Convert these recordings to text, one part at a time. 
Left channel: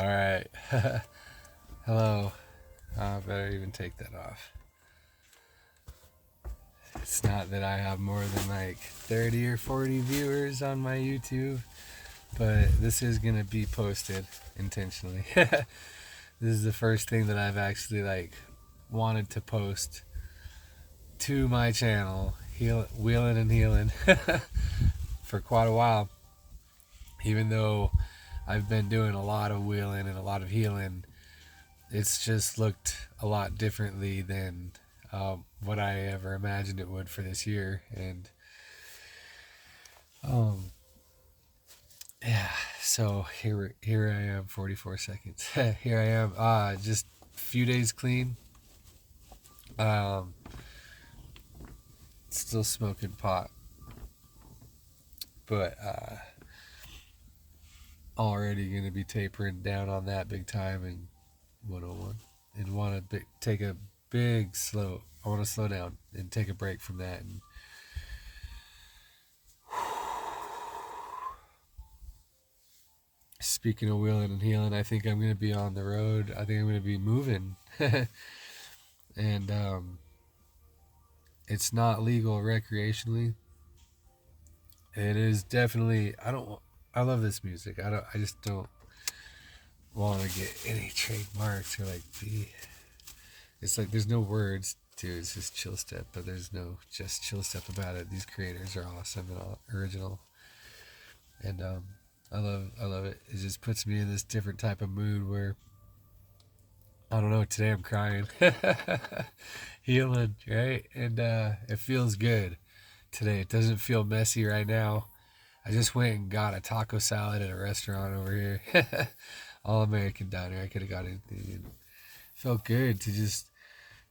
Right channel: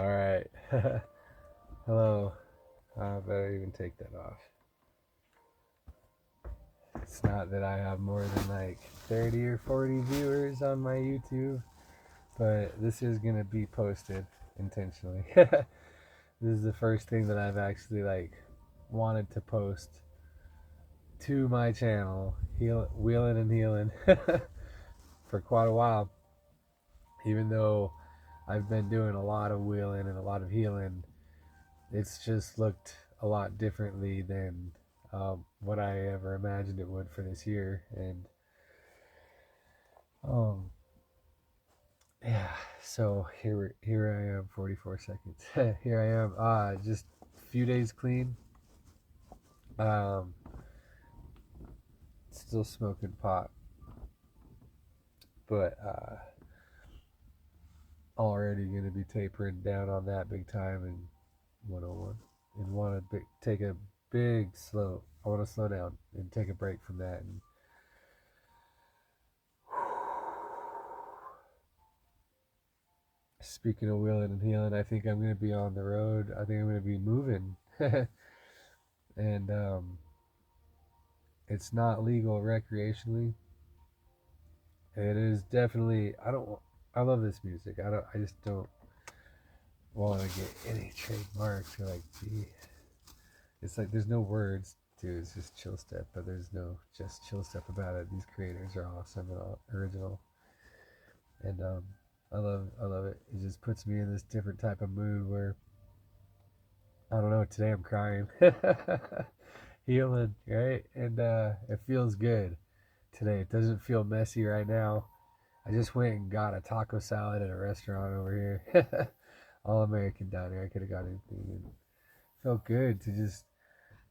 All right. Hello. I better even take that off. It's not that I have more than like 30 or 40 viewers on my YouTube, but this is going to be posted intentionally. This is the first thing that I've actually like wanted to post to my channel, Wheeling and Healing, for quite a while. Even though I've been doing a lot of wheeling and a lot of healing, it's just looked a lot differently than what I ever imagined it would for this year. And um, yeah, so here I am, 44 seconds. Here I am, just a few days clean. Um, Still smoking pot, but already gonna be tapering down on that big time in 101, and want to take a big slow. I want to slow down and take a break from that. And speaking of wheeling and healing, I think I'm going to be on the road. I think I'm going to be moving. And it's not legal recreationally. It is definitely. I love this music. I just don't want to get any trademarks or like be. It's like there's no words to it. It's just chill step, but there's no just chill step about it. These creators are awesome and all original, and I love it. It just puts me in this different type of mood where I don't know. Today I'm crying, healing, right, and it feels good today. It doesn't feel messy right now. I just went and got a taco salad at a restaurant over here, all American diner. I could have got anything. And it felt good to just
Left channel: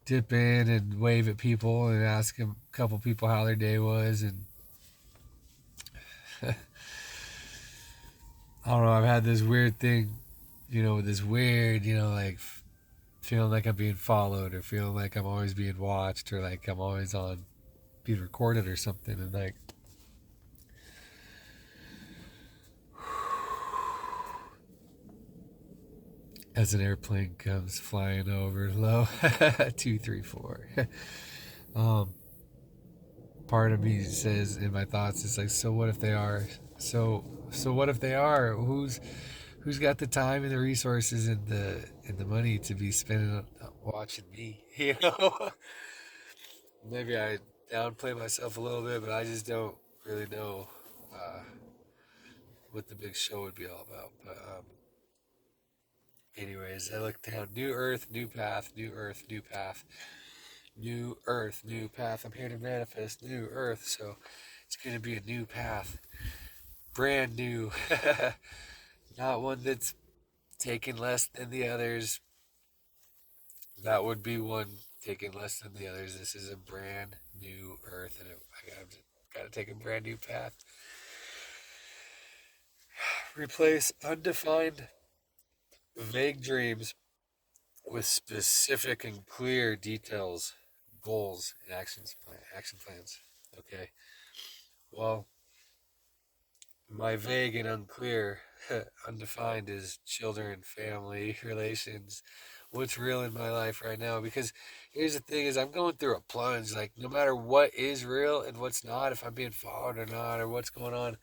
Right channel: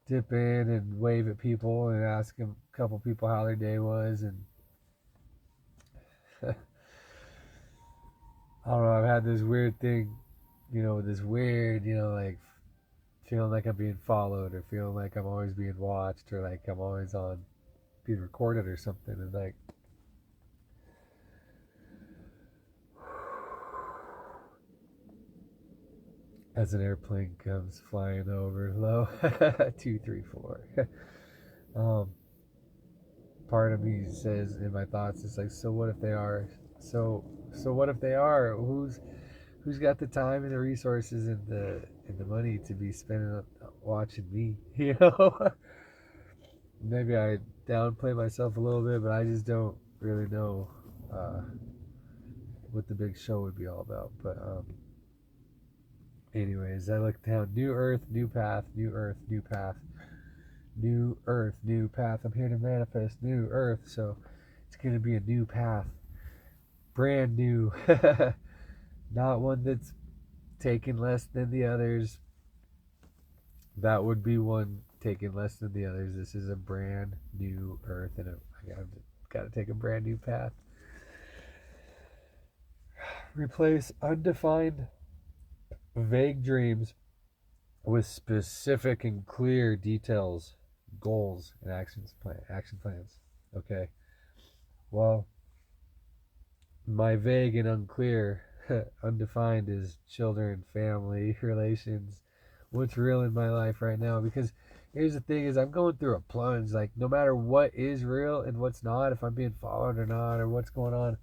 dip in and wave at people and ask a couple people how their day was. And I don't know. I've had this weird thing, this weird, like feeling like I'm being followed or feeling like I'm always being watched or like I'm always on being recorded or something. And like, as an airplane comes flying over low, 234. um, Part of me says in my thoughts, it's like, so what if they are? So what if they are? Who's got the time and the resources and the money to be spending on watching me? Maybe I downplay myself a little bit, but I just don't really know uh, what the big show would be all about. But anyways, I look down. New Earth, new path. New Earth, new path. New Earth, new path. I'm here to manifest new Earth, so it's going to be a new path, brand new. Not one that's taken less than the others. That would be one taken less than the others. This is a brand new Earth, and I got to take a brand new path. Replace undefined, vague dreams with specific and clear details, goals, and action plans. Okay. Well, my vague and unclear, undefined is children, family, relations, what's real in my life right now. Because here's the thing: is I'm going through a plunge. Like no matter what is real and what's not, if I'm being followed or not, or what's going on,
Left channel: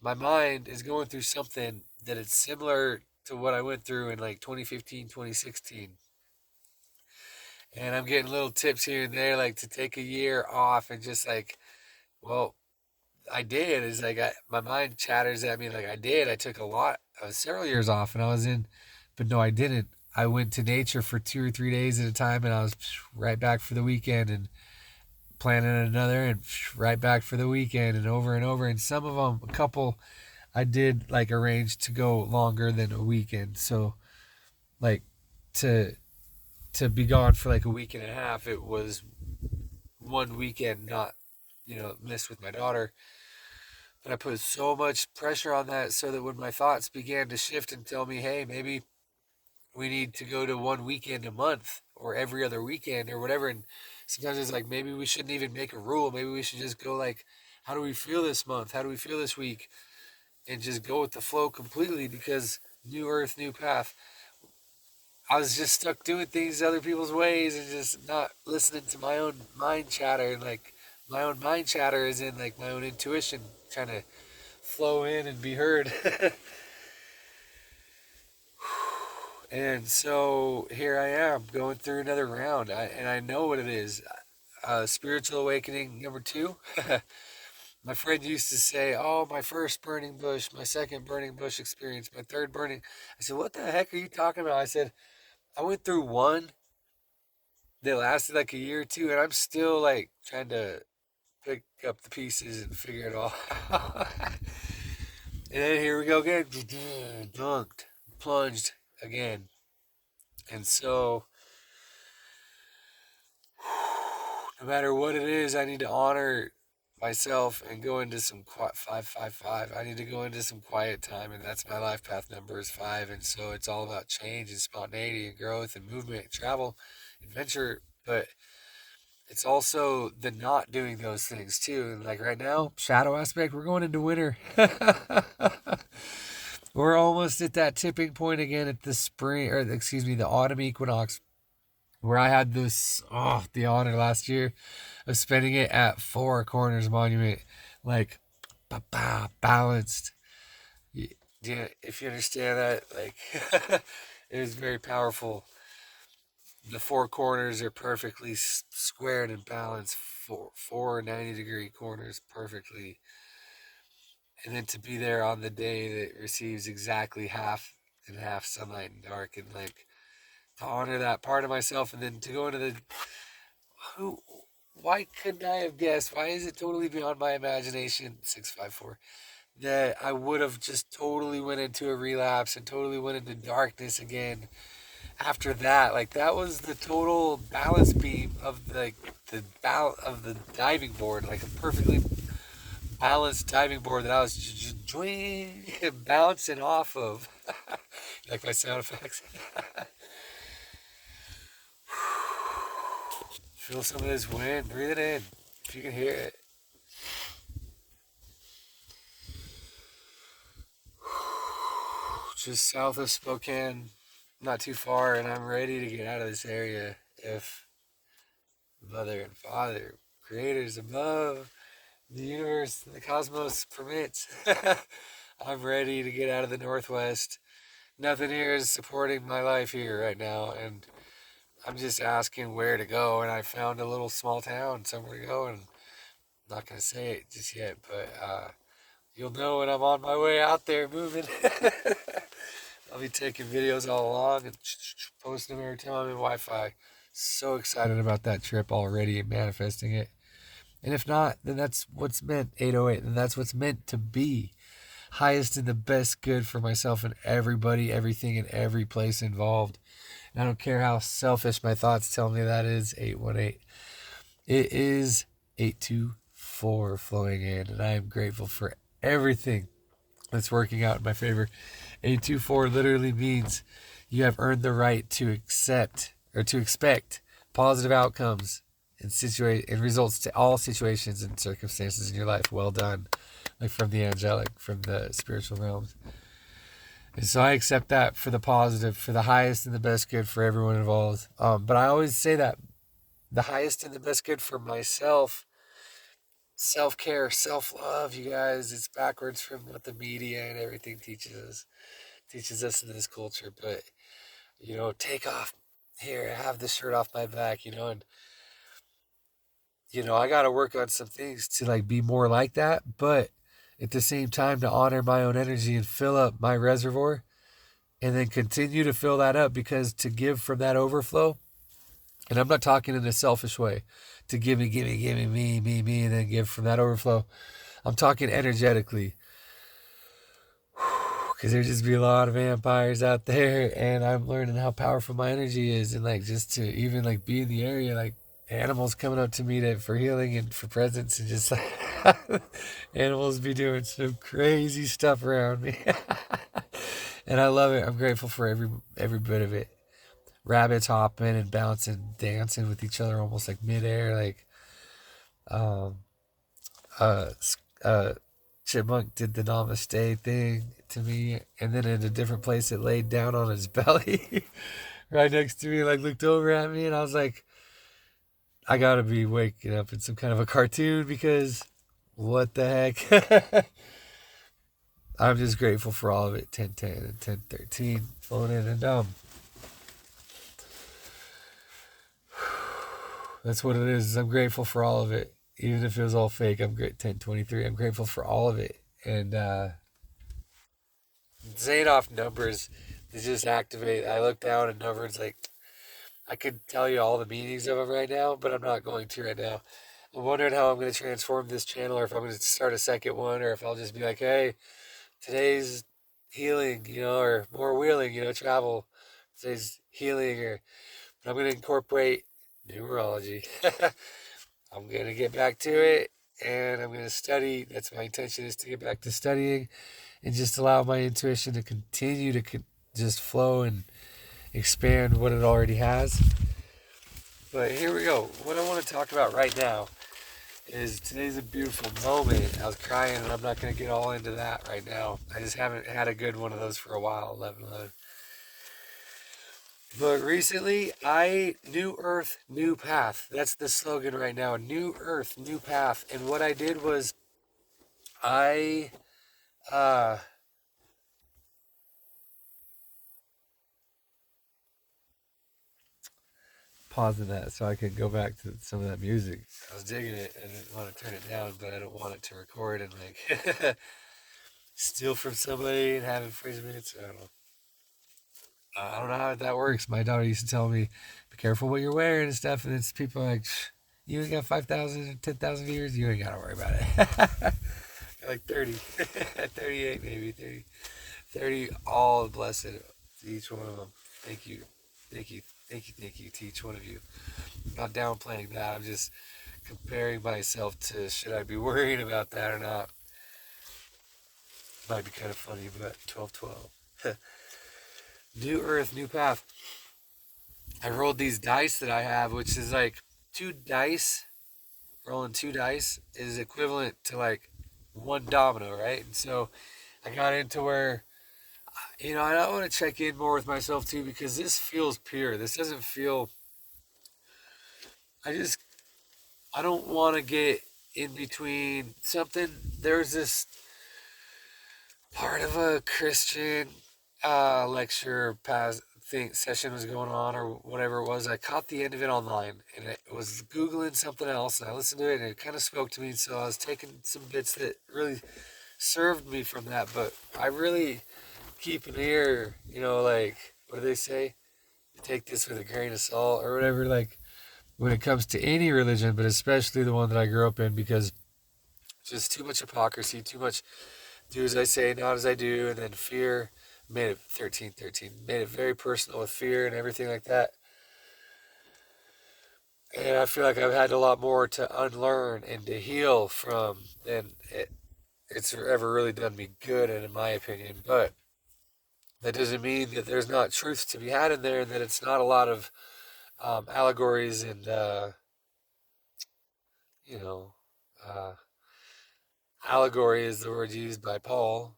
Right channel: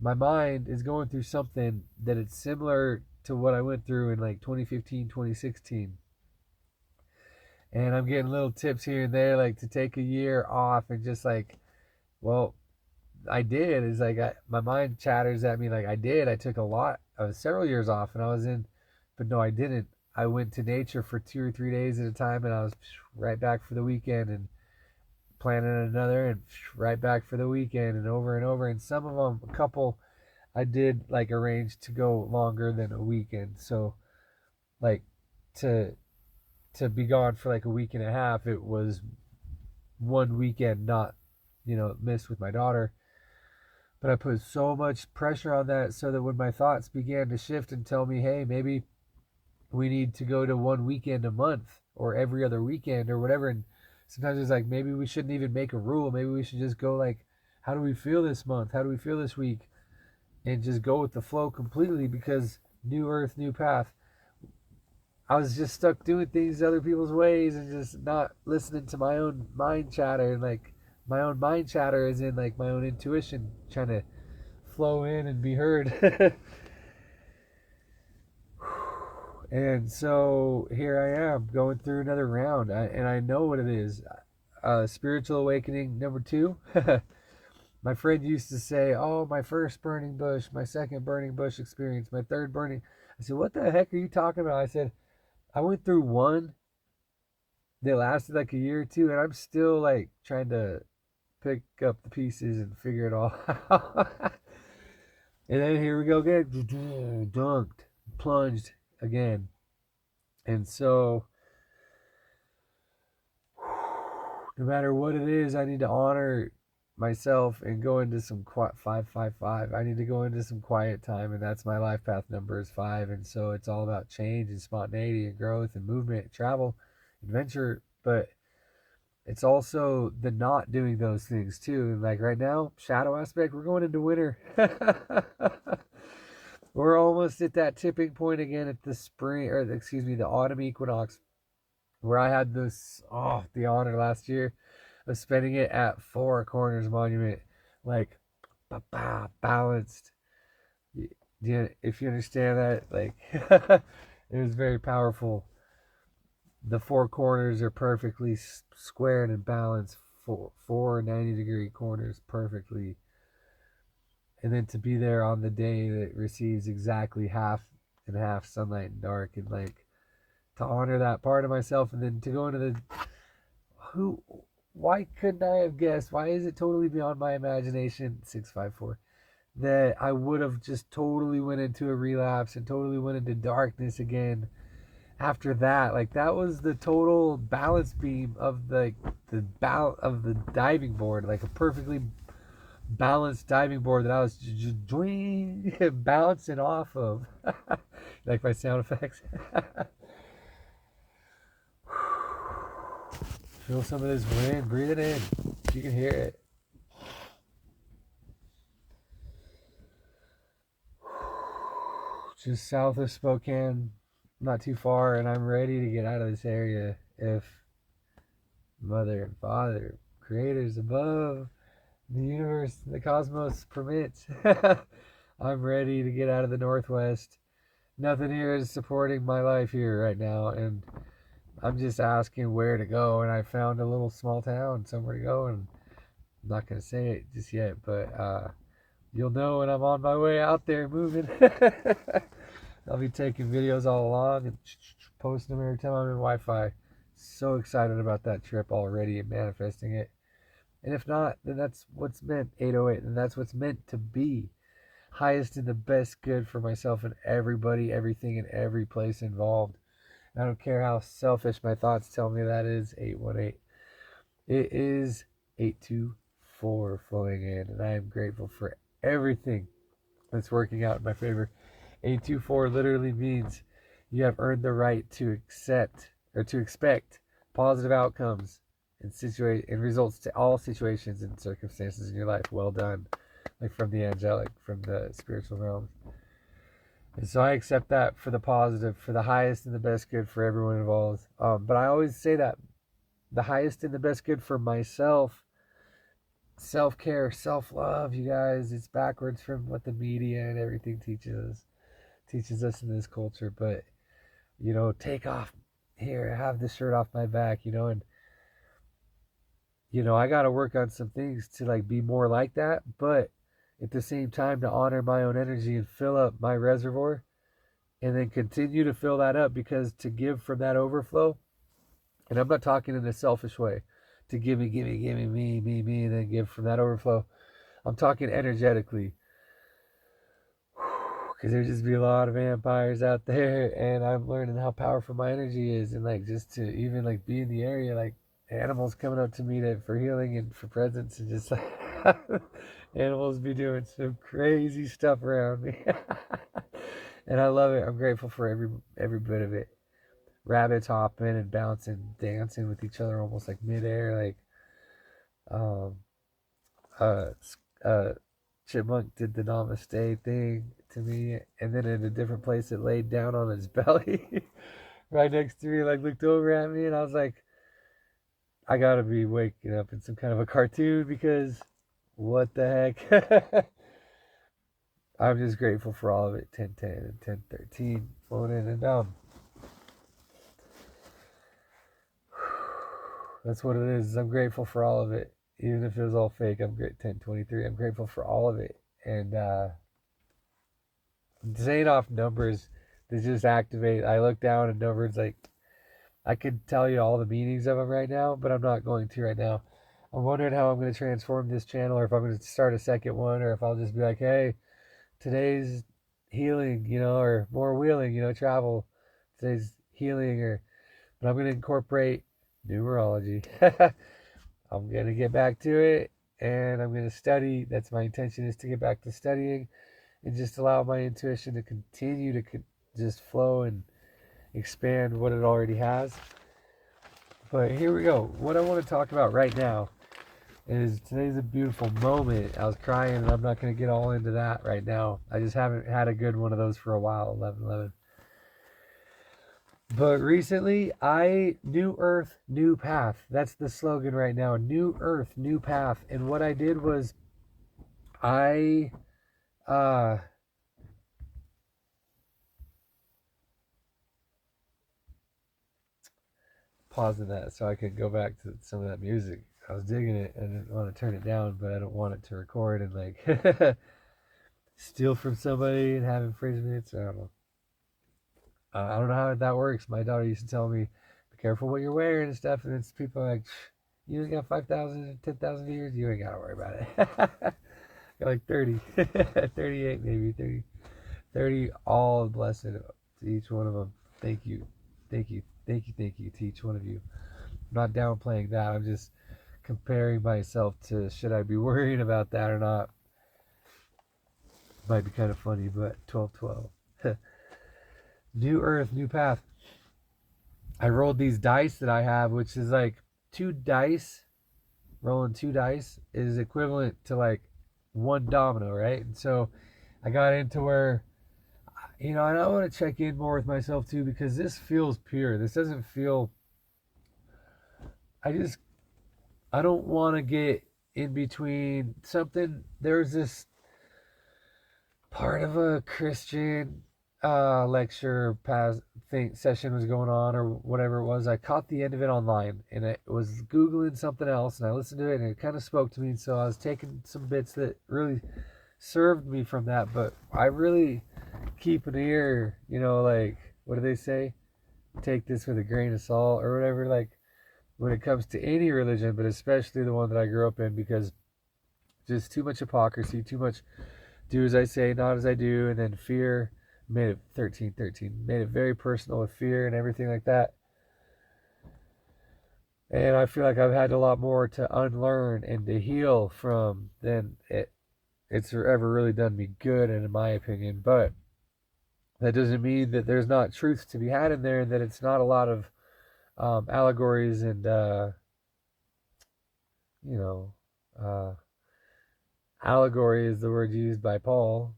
my mind is going through something that it's similar to what I went through in like 2015, 2016. And I'm getting little tips here and there, like to take a year off and just like, well, I did. It's like my mind chatters at me like I did. I took a lot. I was several years off, and I was in, but no, I didn't. I went to nature for 2 or 3 days at a time, and I was right back for the weekend, and planning another, and right back for the weekend, and over and over. And some of them, a couple, I did like arrange to go longer than a weekend. So, like to be gone for like a week and a half, it was one weekend not missed with my daughter. But I put so much pressure on that so that when my thoughts began to shift and tell me, hey, maybe we need to go to one weekend a month or every other weekend or whatever. And sometimes it's like, maybe we shouldn't even make a rule. Maybe we should just go like, how do we feel this month? How do we feel this week? And just go with the flow completely, because new earth, new path. I was just stuck doing things other people's ways and just not listening to my own mind chatter. And like my own mind chatter is in like my own intuition trying to flow in and be heard. And so here I am going through another round, and I know what it is. Spiritual awakening number 2. My friend used to say, "Oh, my first burning bush, my second burning bush experience, my third burning." I said, "What the heck are you talking about?" I said, "I went through one that lasted like a year or two, and I'm still like trying to pick up the pieces and figure it all out." And then here we go again, dunked, plunged again. And so, no matter what it is, I need to honor myself and go into some quiet 555. I need to go into some quiet time, and that's my life path number is 5. And so it's all about change and spontaneity and growth and movement, travel, adventure, but it's also the not doing those things too. And like right now, shadow aspect, we're going into winter. We're almost at that tipping point again at the spring, or excuse me, the autumn equinox, where I had the honor last year of spending it at Four Corners Monument, like balanced. Yeah, if you understand that, like it was very powerful. The four corners are perfectly squared and balanced, four 90-degree corners perfectly. And then to be there on the day that receives exactly half and half sunlight and dark, and like to honor that part of myself, and then to go into the who why couldn't I have guessed? Why is it totally beyond my imagination? 654 that I would have just totally went into a relapse and totally went into darkness again after that. Like that was the total balance beam of the diving board, like a perfectly balanced diving board that I was just bouncing off of. Like my sound effects. Feel some of this wind. Breathe it in. If you can hear it. Just south of Spokane, not too far, and I'm ready to get out of this area if Mother and Father, creators above, the universe, the cosmos permits. I'm ready to get out of the Northwest. Nothing here is supporting my life here right now, and I'm just asking where to go, and I found a little small town somewhere to go, and I'm not going to say it just yet, but you'll know when I'm on my way out there moving. I'll be taking videos all along and posting them every time I'm in Wi-Fi. So excited about that trip already and manifesting it. And if not, then that's what's meant, 808, and that's what's meant to be. Highest and the best good for myself and everybody, everything, and every place involved. And I don't care how selfish my thoughts tell me that is, 818. It is 824 flowing in, and I am grateful for everything that's working out in my favor. 824 literally means you have earned the right to accept or to expect positive outcomes and results to all situations and circumstances in your life. Well done. Like from the angelic, from the spiritual realms. And so I accept that for the positive, for the highest and the best good for everyone involved. But I always say that the highest and the best good for myself, self-care, self-love, you guys, it's backwards from what the media and everything teaches us in this culture. But take off here, have the shirt off my back, and I got to work on some things to like be more like that, but at the same time to honor my own energy and fill up my reservoir, and then continue to fill that up, because to give from that overflow, and I'm not talking in a selfish way, to give me, me, and then give from that overflow. I'm talking energetically, because there just be a lot of vampires out there, and I'm learning how powerful my energy is, and like just to even like be in the area, like animals coming up to me for healing and for presence, and just like animals be doing some crazy stuff around me. And I love it. I'm grateful for every bit of it. Rabbits hopping and bouncing, dancing with each other almost like midair, like um uh uh chipmunk did the namaste thing to me, and then in a different place it laid down on its belly right next to me, like looked over at me, and I was like, I gotta be waking up in some kind of a cartoon because what the heck? I'm just grateful for all of it. 10:10 and 10:13 phone in, and that's what it is. I'm grateful for all of it, even if it was all fake. I'm great. 10:23. I'm grateful for all of it, and saying off numbers, they just activate. I look down and numbers like I could tell you all the meanings of them right now, but I'm not going to right now. I'm wondering how I'm going to transform this channel, or if I'm going to start a second one, or if I'll just be like, hey, today's healing, or more wheeling, travel. Today's healing, but I'm going to incorporate numerology. I'm going to get back to it, and I'm going to study. That's my intention, is to get back to studying and just allow my intuition to continue to just flow and expand what it already has. But here we go. What I want to talk about right now is today's a beautiful moment. I was crying, and I'm not going to get all into that right now. I just haven't had a good one of those for a while, 11/11. But recently, New Earth, New Path. That's the slogan right now. New Earth, New Path. And what I did was I pausing that so I could go back to some of that music. I was digging it. I didn't want to turn it down, but I don't want it to record and like steal from somebody and have infringements. I don't know. I don't know how that works. My daughter used to tell me, be careful what you're wearing and stuff. And it's people like, you ain't got 5,000 or 10,000 viewers. You ain't got to worry about it. Got like 30, 38 maybe, 30. All blessed to each one of them. Thank you. Thank you to each one of you. I'm not downplaying that. I'm just comparing myself to, should I be worrying about that or not? Might be kind of funny, but 12/12. New Earth, New Path. I rolled these dice that I have, which is like 2 dice. Rolling 2 dice is equivalent to like 1 domino, right? And so I got into where, and I want to check in more with myself too, because this feels pure. This doesn't feel, I don't want to get in between something. There's this part of a Christian lecture session was going on, or whatever it was. I caught the end of it online, and I was Googling something else, and I listened to it, and it kind of spoke to me. So I was taking some bits that really served me from that, but I really keep an ear, like, what do they say? Take this with a grain of salt or whatever, like, when it comes to any religion, but especially the one that I grew up in, because just too much hypocrisy, too much do as I say, not as I do, and then fear made it 13, made it very personal with fear and everything like that. And I feel like I've had a lot more to unlearn and to heal from than it's ever really done me good, and in my opinion. But that doesn't mean that there's not truth to be had in there, and that it's not a lot of allegories and allegory is the word used by Paul.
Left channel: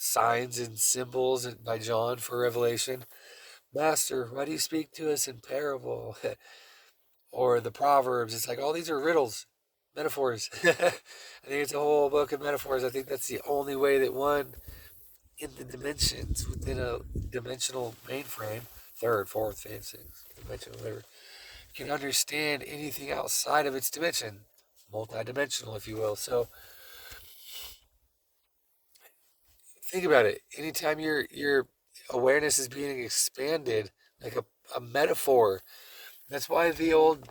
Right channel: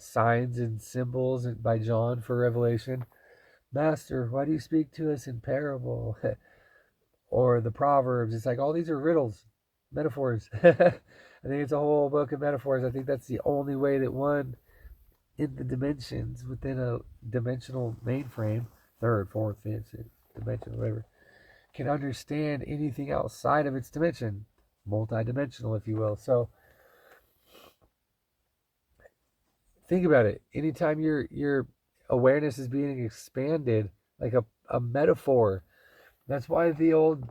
Signs and symbols by John for Revelation. Master, why do you speak to us in parable? Or the Proverbs. It's like all these are riddles, metaphors. I think it's a whole book of metaphors. I think that's the only way that one in the dimensions within a dimensional mainframe, 3rd, 4th, 5th, 6th dimension, whatever, can understand anything outside of its dimension. Multi-dimensional, if you will. So think about it. Anytime your awareness is being expanded, like a metaphor. That's why the old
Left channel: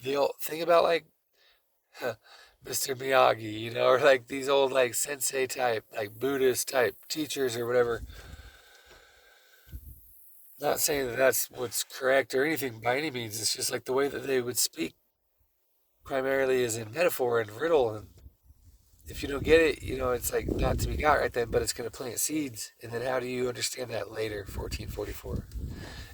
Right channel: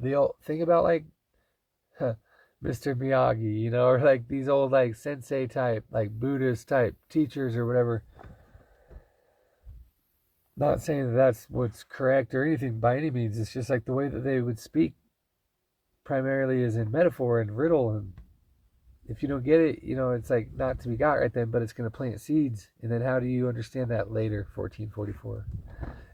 thing about like Mr. Miyagi, or like these old like sensei type, like Buddhist type teachers or whatever. Not saying that that's what's correct or anything by any means. It's just like the way that they would speak primarily is in metaphor and riddle, and if you don't get it, it's like not to be got right then, but it's going to plant seeds. And then how do you understand that later? 1444.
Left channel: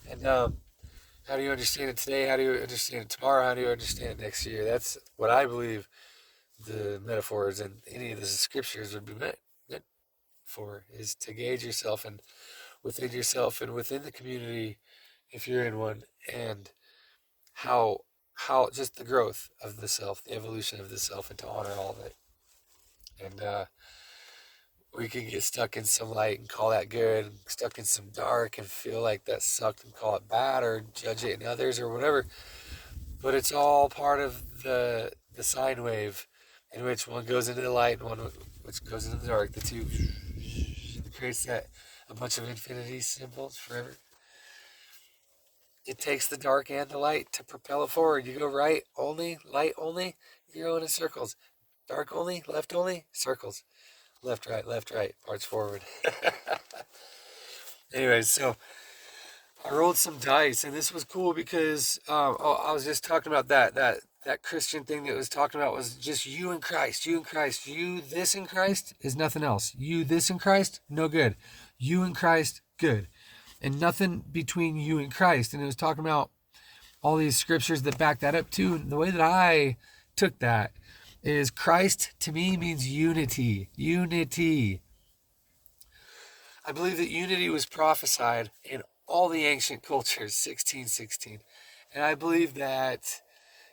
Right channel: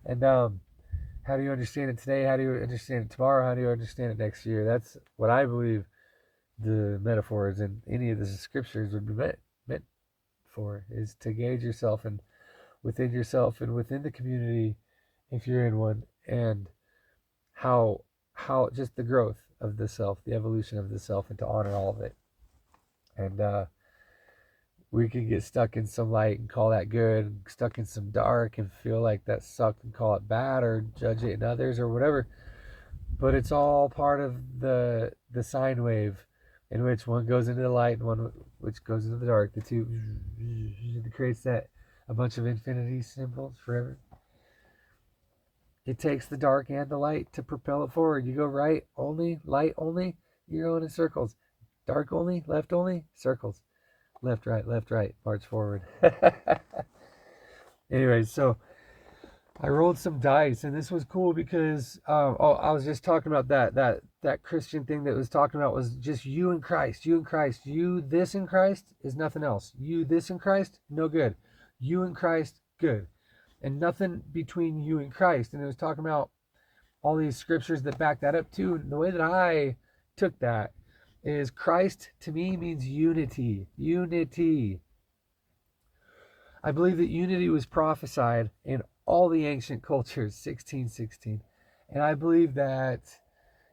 And how do you understand it today? How do you understand it tomorrow? How do you understand it next year? That's what I believe the metaphors and any of the scriptures would be meant for, is to gauge yourself and within yourself and within the community, if you're in one, and how just the growth of the self, the evolution of the self, and to honor all of it. And we can get stuck in some light and call that good, and stuck in some dark and feel like that sucked and call it bad, or judge it in others or whatever. But it's all part of the sine wave, in which one goes into the light and one which goes into the dark. The two creates that a bunch of infinity symbols forever. It takes the dark and the light to propel it forward. You go right only, light only, you're going in circles. Dark only, left only, circles. Left, right, march forward. Anyways, so I rolled some dice, and this was cool because I was just talking about that Christian thing that was talking about was just you and Christ, you and Christ. You this in Christ is nothing else. You this in Christ, no good. You and Christ, good. And nothing between you and Christ. And it was talking about all these scriptures that back that up too. And the way that I took that is Christ to me means unity. Unity. I believe that unity was prophesied in all the ancient cultures, 1616. And I believe that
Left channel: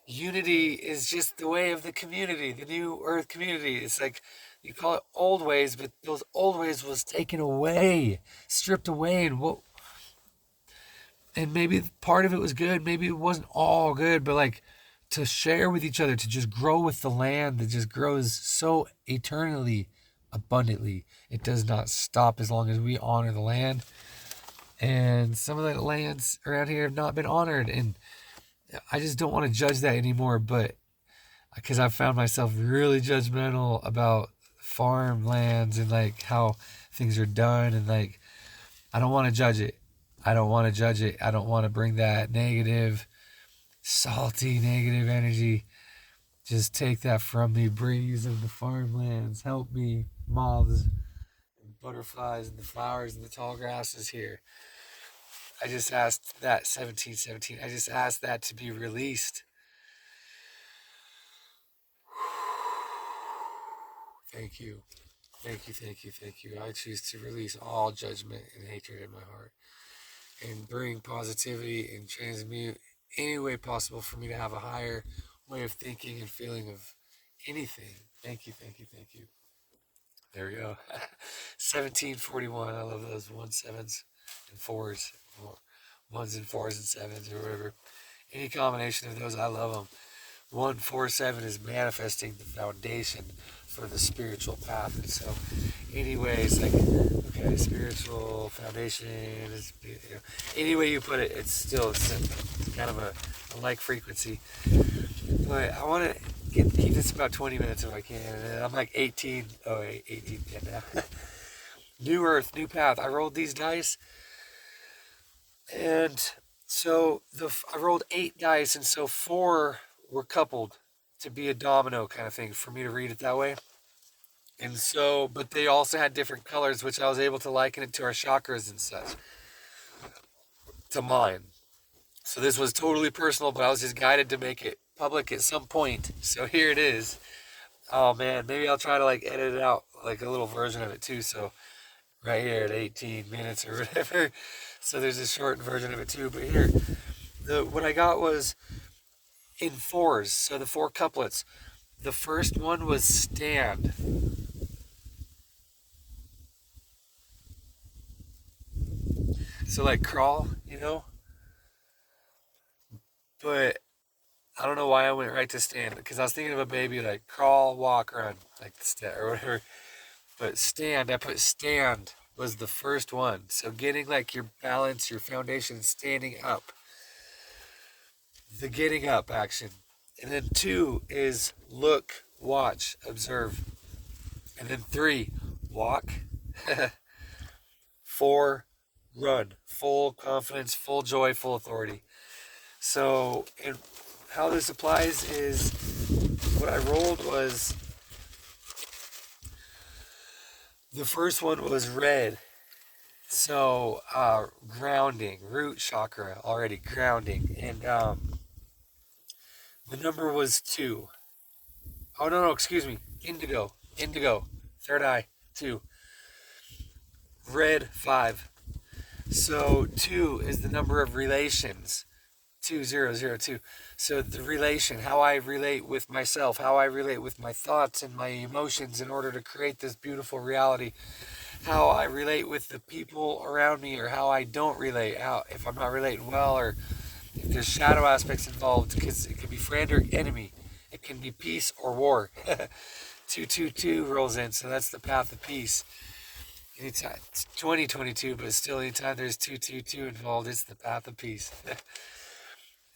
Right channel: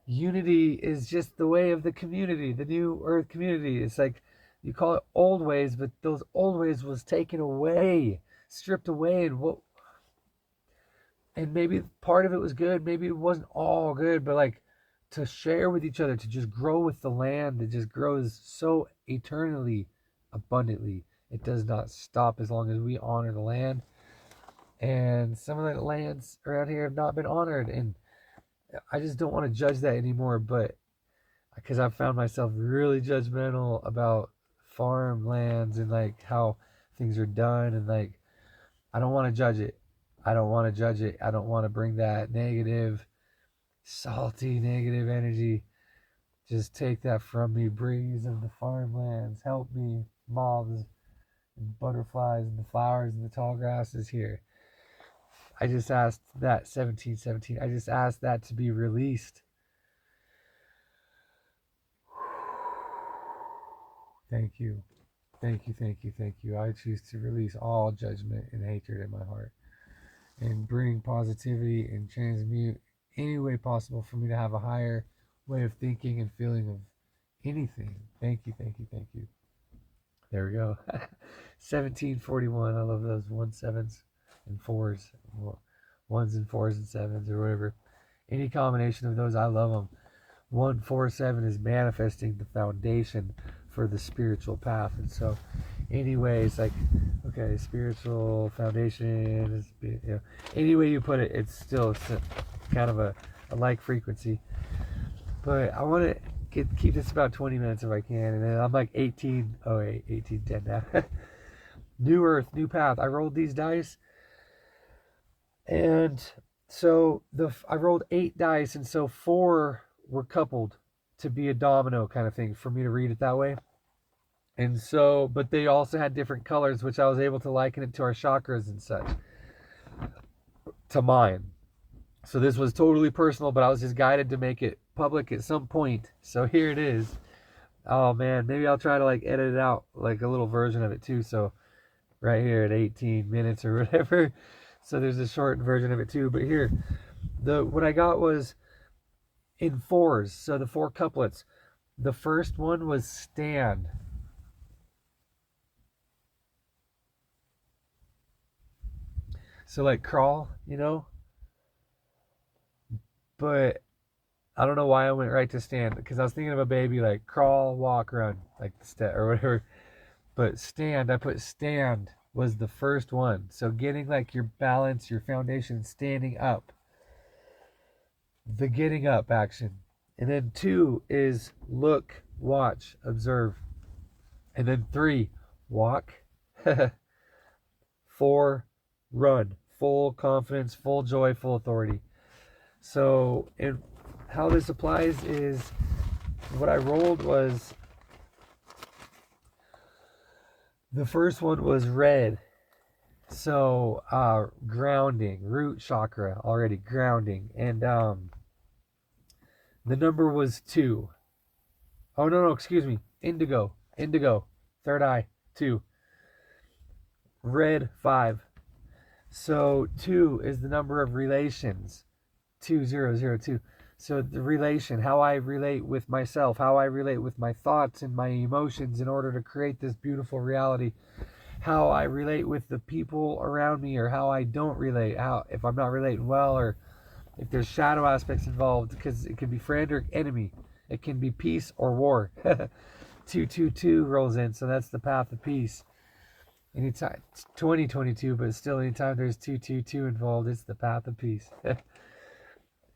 unity is just the way of the community, the new earth community. It's like you call it old ways, but those old ways was taken away, stripped away, and maybe part of it was good, maybe it wasn't all good, but like to share with each other, to just grow with the land that just grows so eternally abundantly. It does not stop as long as we honor the land. And some of the lands around here have not been honored, and I just don't want to judge that anymore, but because I've found myself really judgmental about farmlands and like how things are done, and like I don't want to judge it. I don't want to judge it. I don't want to bring that negative, salty, negative energy. Just take that from me. Breeze of the farmlands, help me. Moths and butterflies and the flowers and the tall grasses here. I just asked that 1717. I just asked that to be released. Thank you. Thank you, thank you, thank you. I choose to release all judgment and hatred in my heart and bring positivity and transmute any way possible for me to have a higher way of thinking and feeling of anything. Thank you, thank you, thank you. There we go. 1741. I love those 1-7s and 4s. 1s and 4s and 7s or whatever. Any combination of those, I love them. 147 is manifesting the foundation for the spiritual path. And so anyways, like, okay, spiritual foundation is, any way you put it, it's still kind of a like frequency. But I want to keep this about 20 minutes if I can, and then I'm like 1810 now. New earth, new path. I rolled these dice, and so I rolled 8 dice, and so 4 were coupled to be a domino kind of thing for me to read it that way. And so, but they also had different colors, which I was able to liken it to our chakras and such, to mine. So this was totally personal, but I was just guided to make it public at some point. So here it is. Oh man, maybe I'll try to like edit it out, like a little version of it too. So right here at 18 minutes or whatever. So there's a short version of it too. But here, what I got was in 4s. So the 4 couplets. The first one was stand. So like crawl, But I don't know why I went right to stand, because I was thinking of a baby, like crawl, walk, run, like the step or whatever. But stand, I put stand was the first one. So getting like your balance, your foundation, standing up. The getting up action. And then 2 is look, watch, observe. And then 3, walk. 4, run. Full confidence, full joy, full authority. So, and how this applies is what I rolled was the first one was red. So, grounding, root chakra, already grounding. And the number was 2. Oh, no, excuse me. Indigo. Third eye, 2. Red, 5. So 2 is the number of relations. 2002. So the relation, how I relate with myself, how I relate with my thoughts and my emotions in order to create this beautiful reality, how I relate with the people around me, or how I don't relate, how if I'm not relating well, or if there's shadow aspects involved, because it can be friend or enemy, it can be peace or war. 222 rolls in, so that's the path of peace. Anytime it's 2022, but still, anytime there's 222 involved, it's the path of peace.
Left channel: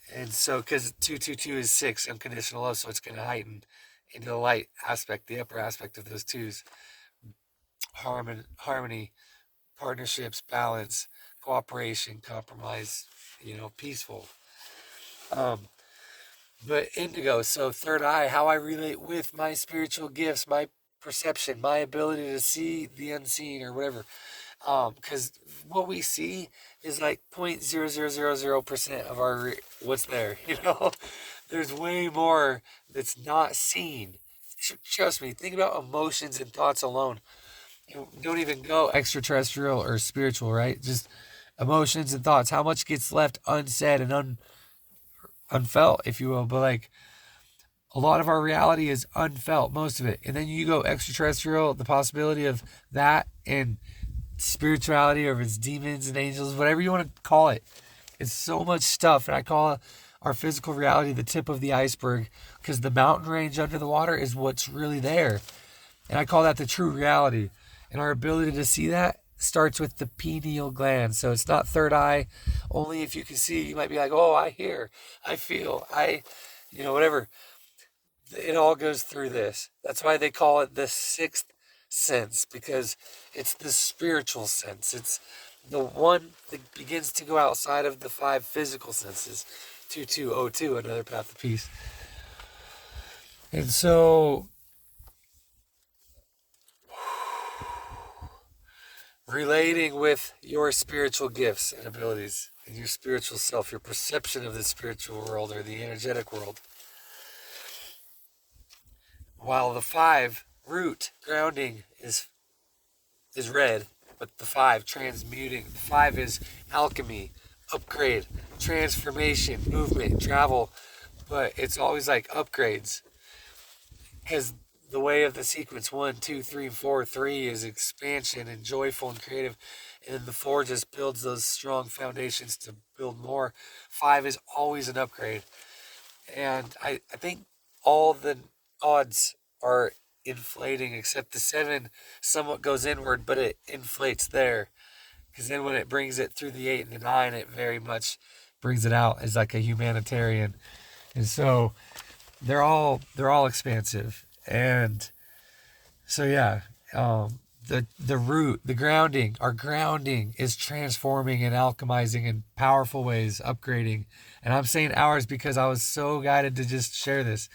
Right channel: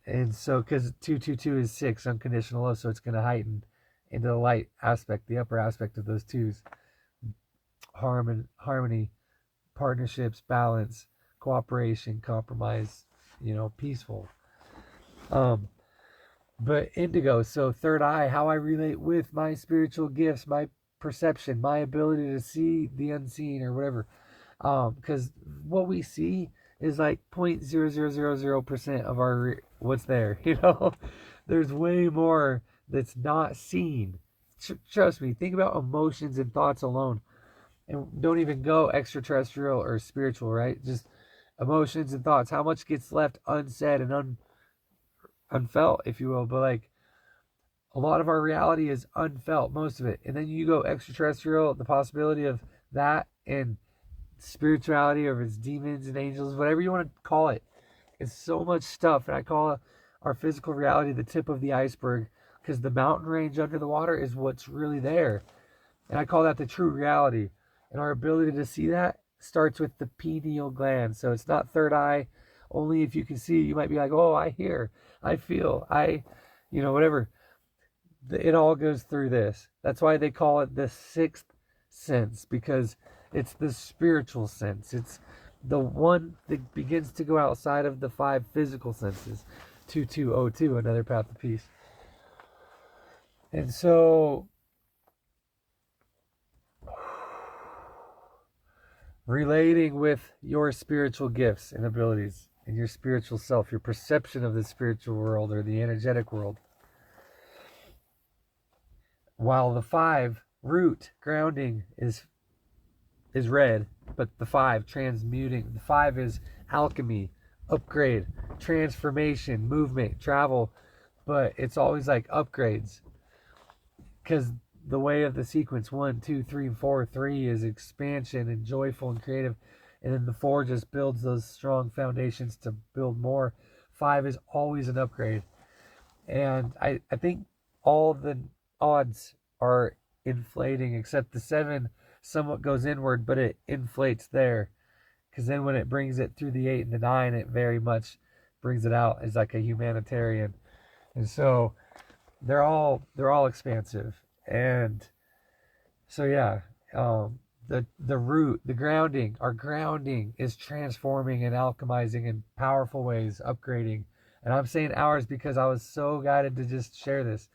And so, because 222 is 6, unconditional love, so it's going to heighten into the light aspect, the upper aspect of those twos. Harmony, partnerships, balance, cooperation, compromise, peaceful. But indigo, so third eye, how I relate with my spiritual gifts, my perception, my ability to see the unseen or whatever. Because what we see is like 0.0000% of our what's there. There's way more that's not seen. Trust me. Think about emotions and thoughts alone, and don't even go extraterrestrial or spiritual, right? Just emotions and thoughts. How much gets left unsaid and unfelt, if you will? But like, a lot of our reality is unfelt, most of it. And then you go extraterrestrial, the possibility of that and spirituality, or if it's demons and angels, whatever you want to call it. It's so much stuff. And I call our physical reality the tip of the iceberg, because the mountain range under the water is what's really there. And I call that the true reality. And our ability to see that starts with the pineal gland. So it's not third eye. Only if you can see, you might be like, oh, I hear, I feel, whatever. It all goes through this. That's why they call it the sixth sense, because it's the spiritual sense. It's the one that begins to go outside of the 5 physical senses. 2202, another path of peace. And so, relating with your spiritual gifts and abilities and your spiritual self, your perception of the spiritual world or the energetic world. While the 5 root grounding is red, but the 5 transmuting, the 5 is alchemy, upgrade, transformation, movement, travel, but it's always like upgrades, because the way of the sequence 1, 2, 3, and 4, 3 is expansion and joyful and creative, and then the 4 just builds those strong foundations to build more. 5 is always an upgrade, and I think all the odds are inflating, except the 7 somewhat goes inward, but it inflates there, because then when it brings it through the 8 and the 9, it very much brings it out as like a humanitarian. And so they're all expansive. And so the root, the grounding, our grounding is transforming and alchemizing in powerful ways, upgrading. And I'm saying ours because I was so guided to just share this,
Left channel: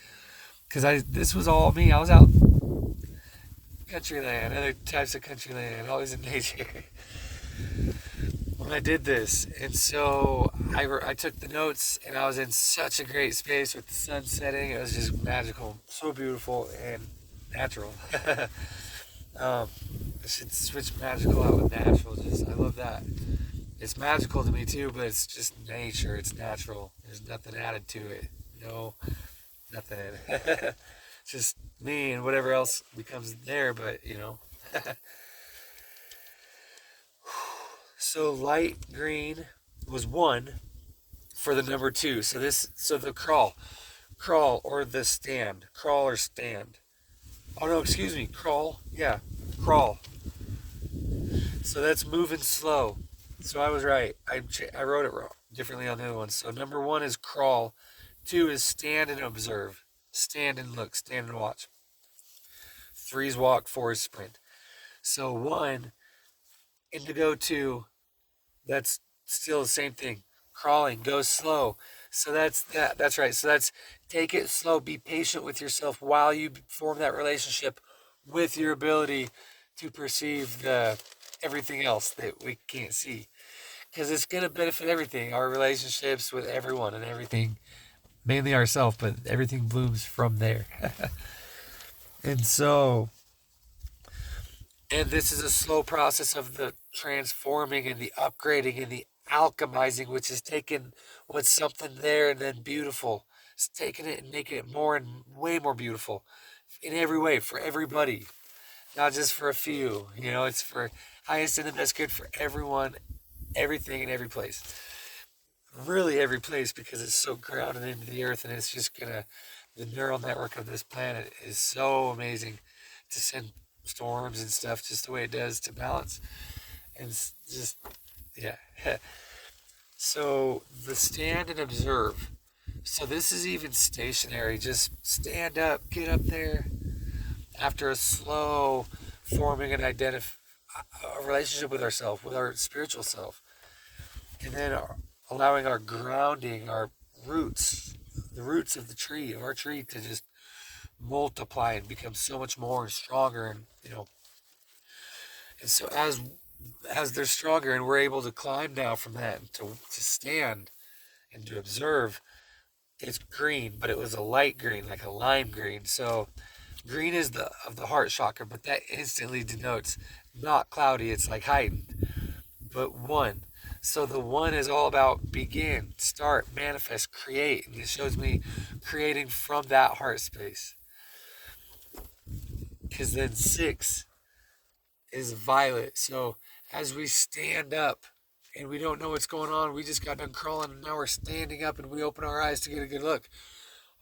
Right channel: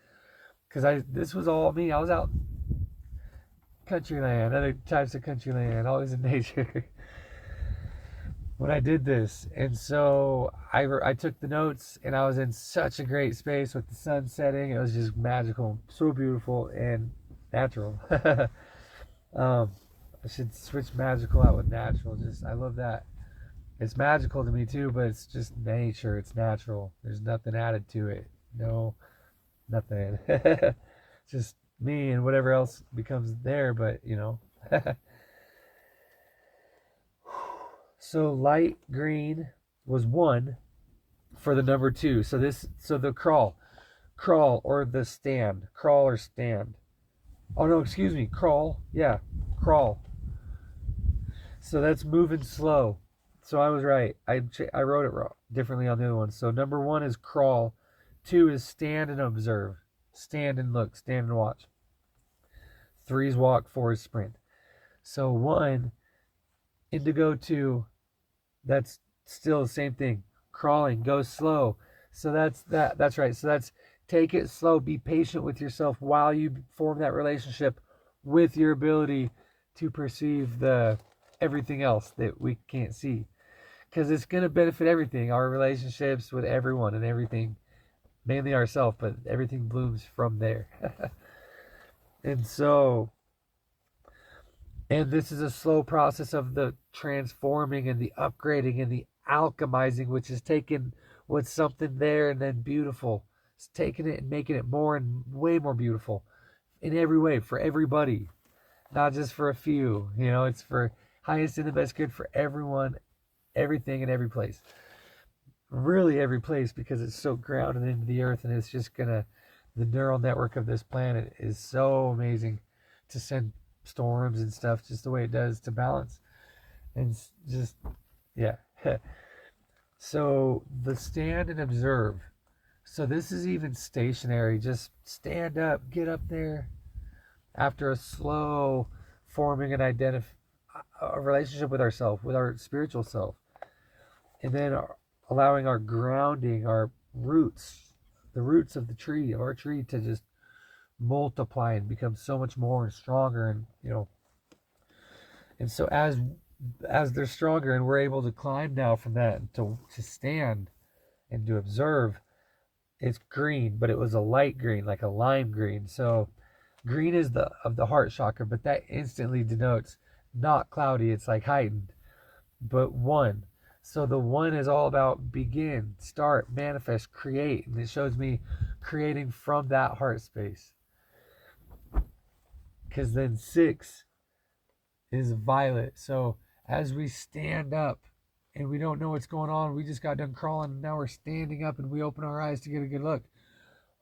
because this was all me. I was out country land, other types of country land, always in nature when I did this. And so I took the notes, and I was in such a great space with the sun setting. It was just magical, so beautiful and natural. I should switch magical out with natural. I love that. It's magical to me too, but it's just nature. It's natural. There's nothing added to it. No, nothing. Just me and whatever else becomes there, but So light green was 1 for the number 2. So the crawl or the stand, crawl or stand. Oh no, excuse me, crawl. Yeah, crawl. So that's moving slow. So I was right. I wrote it wrong, differently on the other one. So number 1 is crawl. 2 is stand and observe. Stand and look. Stand and watch. 3 is walk. 4 is sprint. So 1, indigo. 2, that's still the same thing. Crawling, go slow. So that's right. So that's take it slow. Be patient with yourself while you form that relationship with your ability to perceive everything else that we can't see. Because it's going to benefit everything. Our relationships with everyone and everything. Mainly ourselves, but everything blooms from there. And so, and this is a slow process of the transforming and the upgrading and the alchemizing, which is taking what's something there and then beautiful. It's taking it and making it more and way more beautiful in every way for everybody, not just for a few. It's for highest and the best good for everyone, everything, and every place. Really every place, because it's so grounded into the earth, and it's just the neural network of this planet is so amazing to send storms and stuff just the way it does to balance. And just, yeah. So the stand and observe. So this is even stationary. Just stand up, get up there after a slow forming and a relationship with ourselves, with our spiritual self. And then allowing our grounding, our roots, the roots of our tree to just multiply and become so much more and stronger. And, and so as they're stronger and we're able to climb now from that to stand and to observe, it's green, but it was a light green, like a lime green. So green is of the heart chakra, but that instantly denotes not cloudy. It's like heightened, but one. So the one is all about begin, start, manifest, create. And it shows me creating from that heart space. Because then 6 is violet. So as we stand up and we don't know what's going on, we just got done crawling and now we're standing up and we open our eyes to get a good look.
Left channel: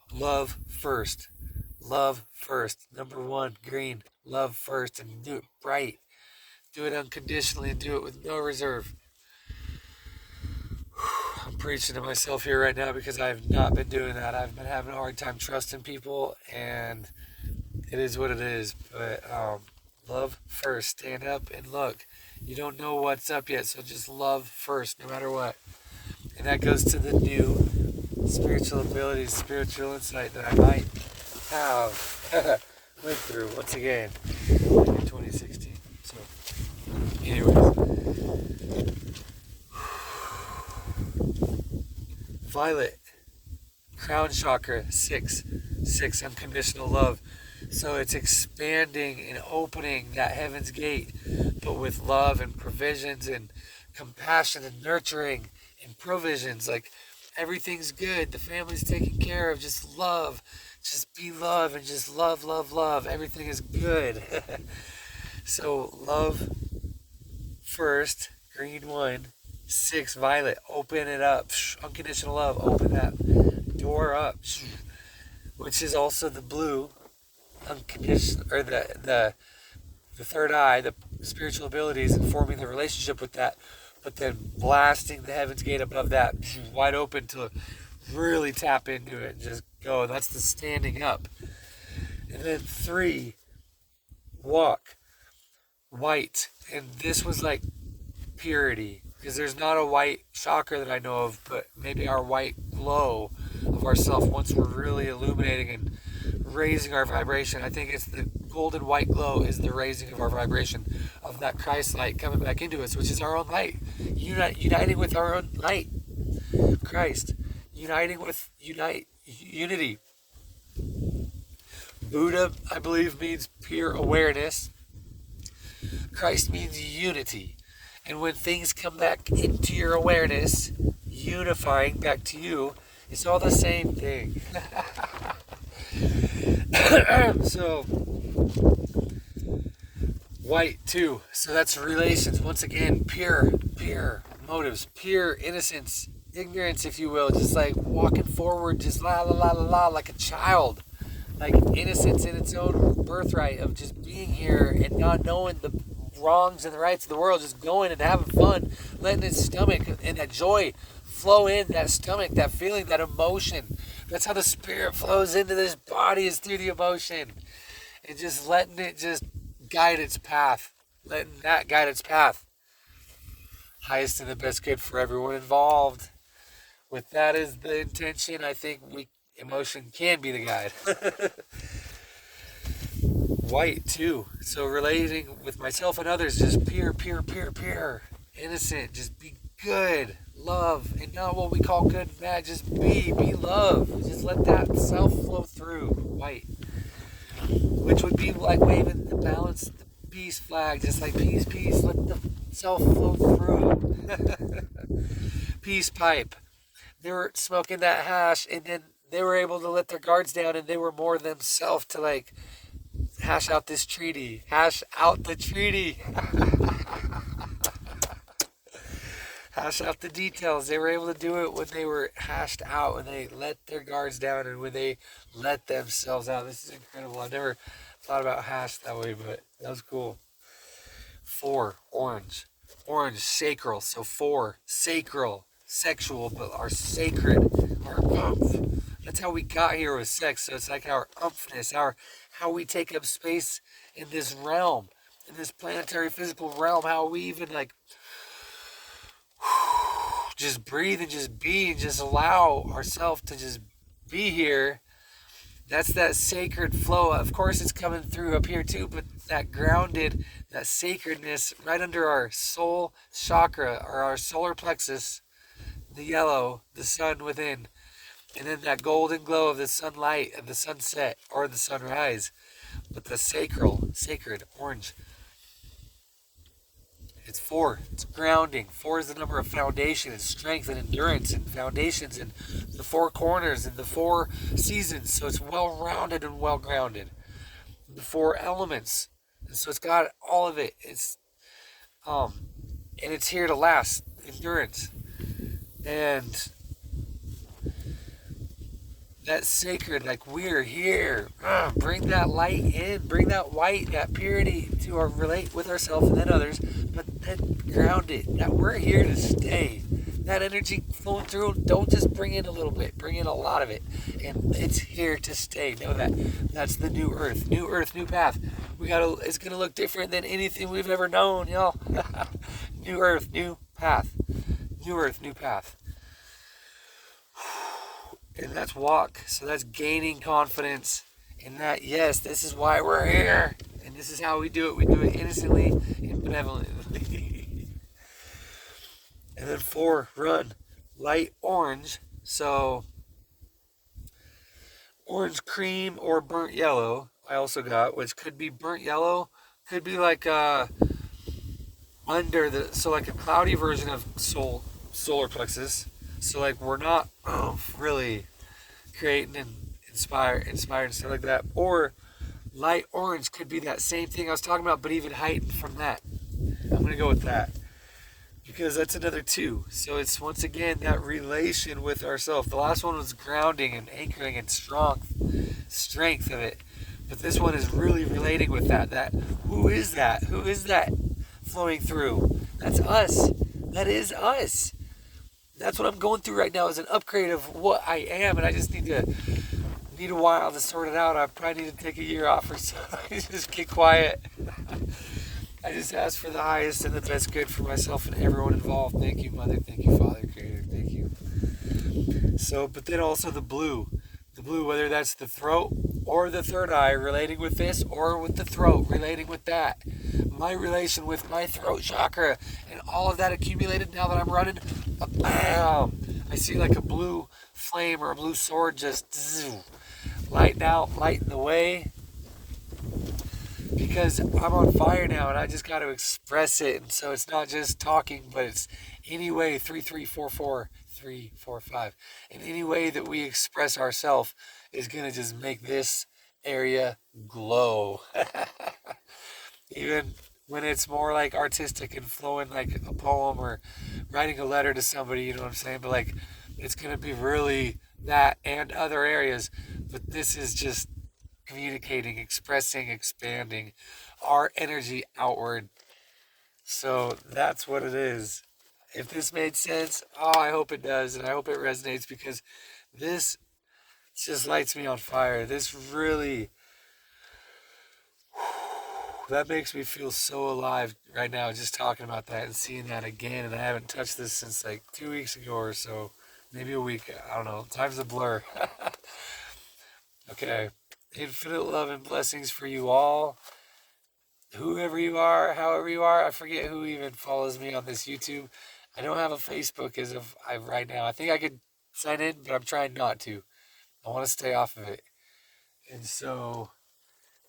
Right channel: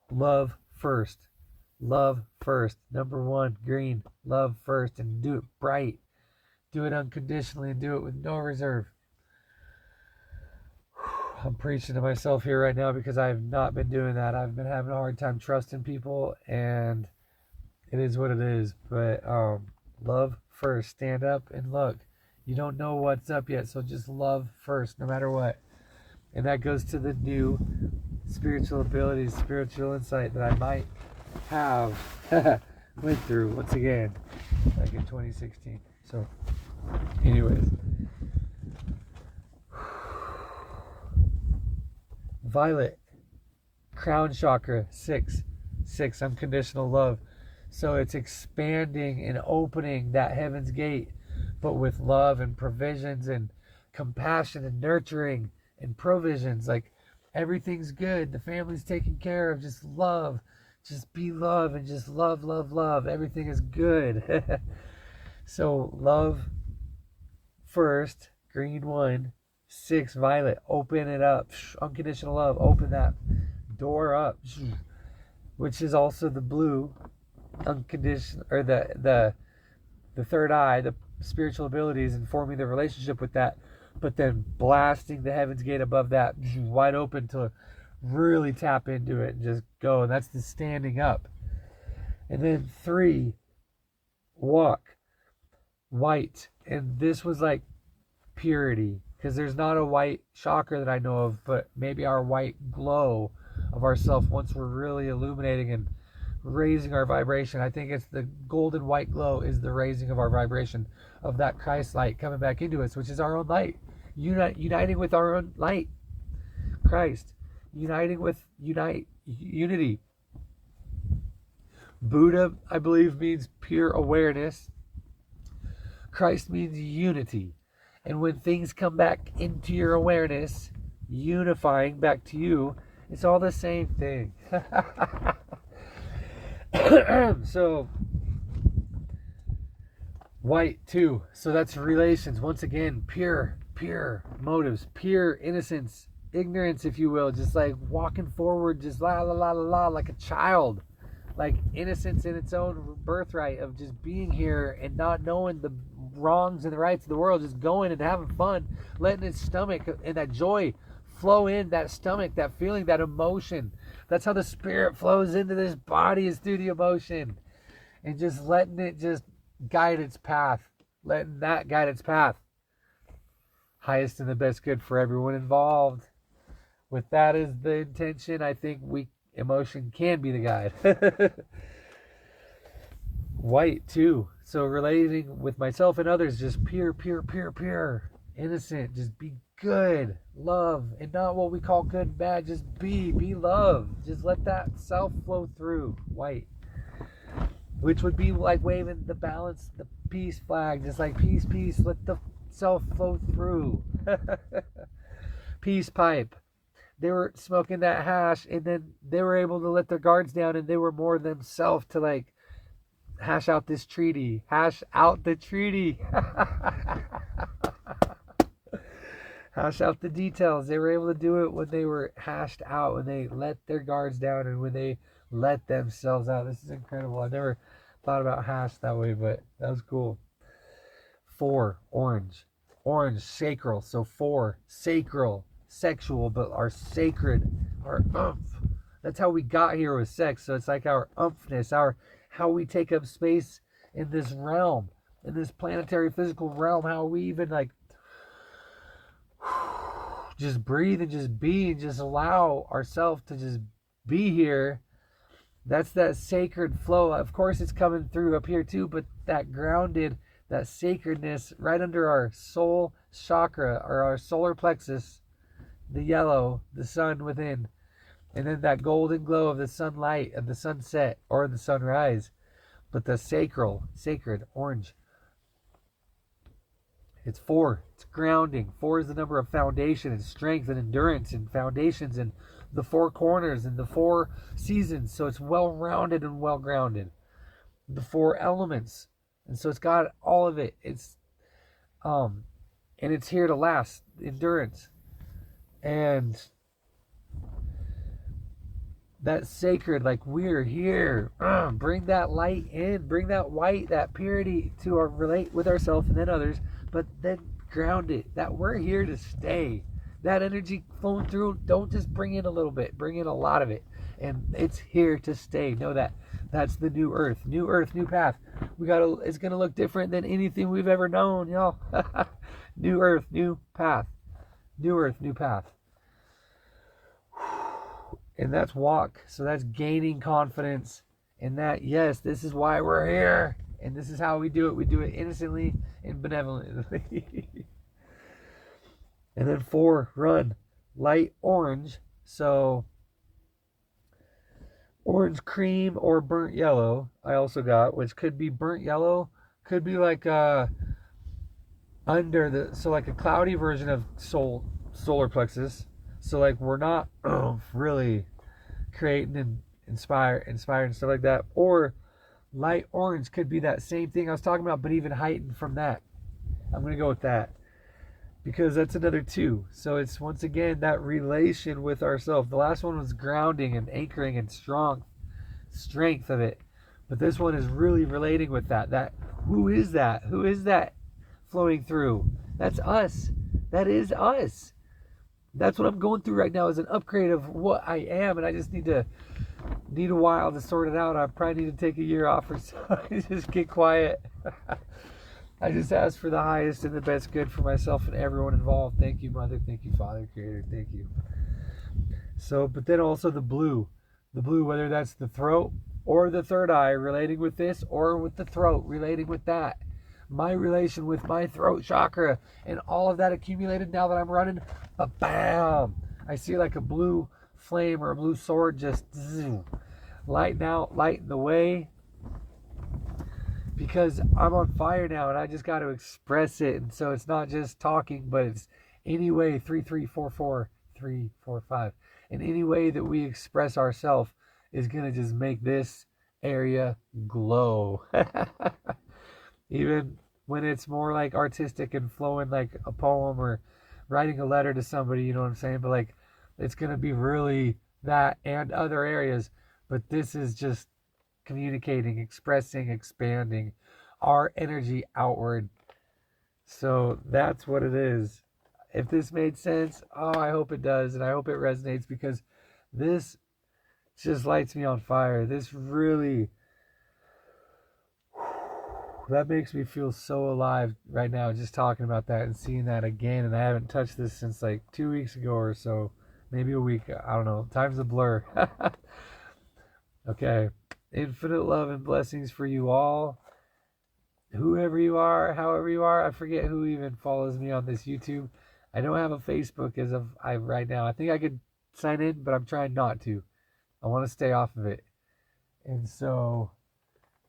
Love first. Love first. Number 1, green. Love first, and do it bright. Do it unconditionally and do it with no reserve. I'm preaching to myself here right now because I have not been doing that. I've been having a hard time trusting people, and it is what it is. But love first. Stand up and look. You don't know what's up yet, so just love first, no matter what. And that goes to the new spiritual abilities, spiritual insight that I might have went through once again in 2016. So, anyways. Violet, crown chakra, 6, unconditional love. So it's expanding and opening that heaven's gate, but with love and provisions and compassion and nurturing and provisions. Like everything's good, the family's taken care of, just love, just be love, and just love, love, love. Everything is good. So love first, green 1. 6, violet, open it up. Unconditional love, open that door up. Which is also the blue, unconditional, or the third eye, the spiritual abilities, and forming the relationship with that, but then blasting the heaven's gate above that, wide open to really tap into it and just go. That's the standing up. And then 3, walk, white, and this was like purity. Because there's not a white chakra that I know of, but maybe our white glow of ourself once we're really illuminating and raising our vibration. I think it's the golden white glow is the raising of our vibration of that Christ light coming back into us, which is our own light. Uniting with our own light. Christ. Unity. Buddha, I believe, means pure awareness. Christ means unity. And when things come back into your awareness, unifying back to you, it's all the same thing. So, white too. So that's relations. Once again, pure motives, pure innocence, ignorance, if you will. Just like walking forward, just la la la la la, like a child. Like innocence in its own birthright of just being here and not knowing the wrongs and the rights of the world, just going and having fun, letting his stomach and that joy flow in that stomach, that feeling, that emotion. That's how the spirit flows into this body, is through the emotion, and just letting it just guide its path, letting that guide its path. Highest and the best good for everyone involved. With that as the intention, I think emotion can be the guide. White too. So relating with myself and others, just pure, innocent, just be good, love, and not what we call good and bad, just be love. Just let that self flow through. White. which would be like waving the balance, the peace flag, just like peace, peace, let the self flow through. Peace pipe. They were smoking that hash, and then they were able to let their guards down, and they were more themselves to like hash out this treaty. Hash out the treaty. Hash out the details. They were able to do it when they were hashed out, when they let their guards down, and when they let themselves out. This is incredible. I've never thought about hash that way, but that was cool. 4, orange. Orange, sacral. So 4, sacral, sexual, but our sacred, our umph. That's how we got here with sex. So it's like our umphness, how we take up space in this realm, in this planetary physical realm, how we even like just breathe and just be and just allow ourselves to just be here. That's that sacred flow. Of course, it's coming through up here too, but that grounded, that sacredness right under our soul chakra or our solar plexus, the yellow, the sun within, and then that golden glow of the sunlight, of the sunset or the sunrise. But the sacral, sacred, orange. It's 4. It's grounding. 4 is the number of foundation and strength and endurance and foundations and the 4 corners and the 4 seasons. So it's well-rounded and well-grounded. The 4 elements. And so it's got all of it. It's and it's here to last. Endurance. And that sacred, like we're here. Bring that light in, bring that white, that purity to our relate with ourselves and then others, but then ground it, that we're here to stay. That energy flowing through, don't just bring in a little bit, bring in a lot of it. And it's here to stay. Know that. That's the new earth, new path. It's gonna look different than anything we've ever known, y'all. New earth, new path. New earth, new path. And that's walk. So that's gaining confidence. And that, yes, this is why we're here. And this is how we do it. We do it innocently and benevolently. And then 4, run. Light orange. So orange cream or burnt yellow I also got, which could be burnt yellow. Could be like under the, so like a cloudy version of solar plexus. So like we're not really creating and inspired and stuff like that. Or light orange could be that same thing I was talking about, but even heightened from that. I'm going to go with that because that's another 2. So it's once again that relation with ourselves. The last one was grounding and anchoring and strength of it. But this one is really relating with that. Who is that? Who is that flowing through? That's us. That is us. That's what I'm going through right now, is an upgrade of what I am, and I just need a while to sort it out. I probably need to take a year off or so. Just get quiet. I just ask for the highest and the best good for myself and everyone involved. Thank you, Mother. Thank you, Father, Creator. Thank you. So, but then also the blue, whether that's the throat or the third eye, relating with this, or with the throat, relating with that. My relation with my throat chakra and all of that accumulated now that I'm running, bam! I see like a blue flame or a blue sword just lighting the way. Because I'm on fire now and I just got to express it. And so it's not just talking, but it's any way, 3344 345. And any way that we express ourselves is going to just make this area glow. Even when it's more like artistic and flowing like a poem or writing a letter to somebody, you know what I'm saying? But like, it's going to be really that and other areas. But this is just communicating, expressing, expanding our energy outward. So that's what it is. If this made sense, I hope it does, and I hope it resonates, because this just lights me on fire. This really, that makes me feel so alive right now, just talking about that and seeing that again. And I haven't touched this since like 2 weeks ago or so, maybe a week. I don't know. Time's a blur. Okay. Infinite love and blessings for you all. Whoever you are, however you are. I forget who even follows me on this YouTube. I don't have a Facebook as of right now. I think I could sign in, but I'm trying not to. I want to stay off of it. And so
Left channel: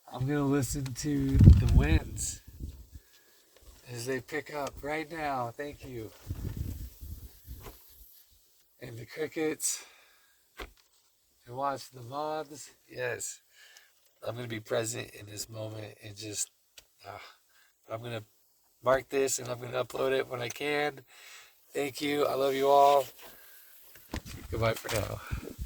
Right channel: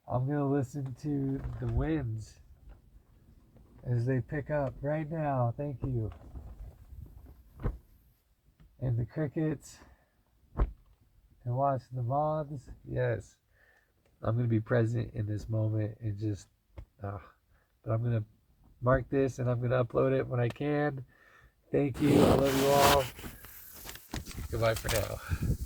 I'm going to listen to the winds as they pick up right now. Thank you. And the crickets. And watch the moths. Yes. I'm going to be present in this moment and just, but I'm going to mark this and I'm going to upload it when I can. Thank you. I love you all. Goodbye for now.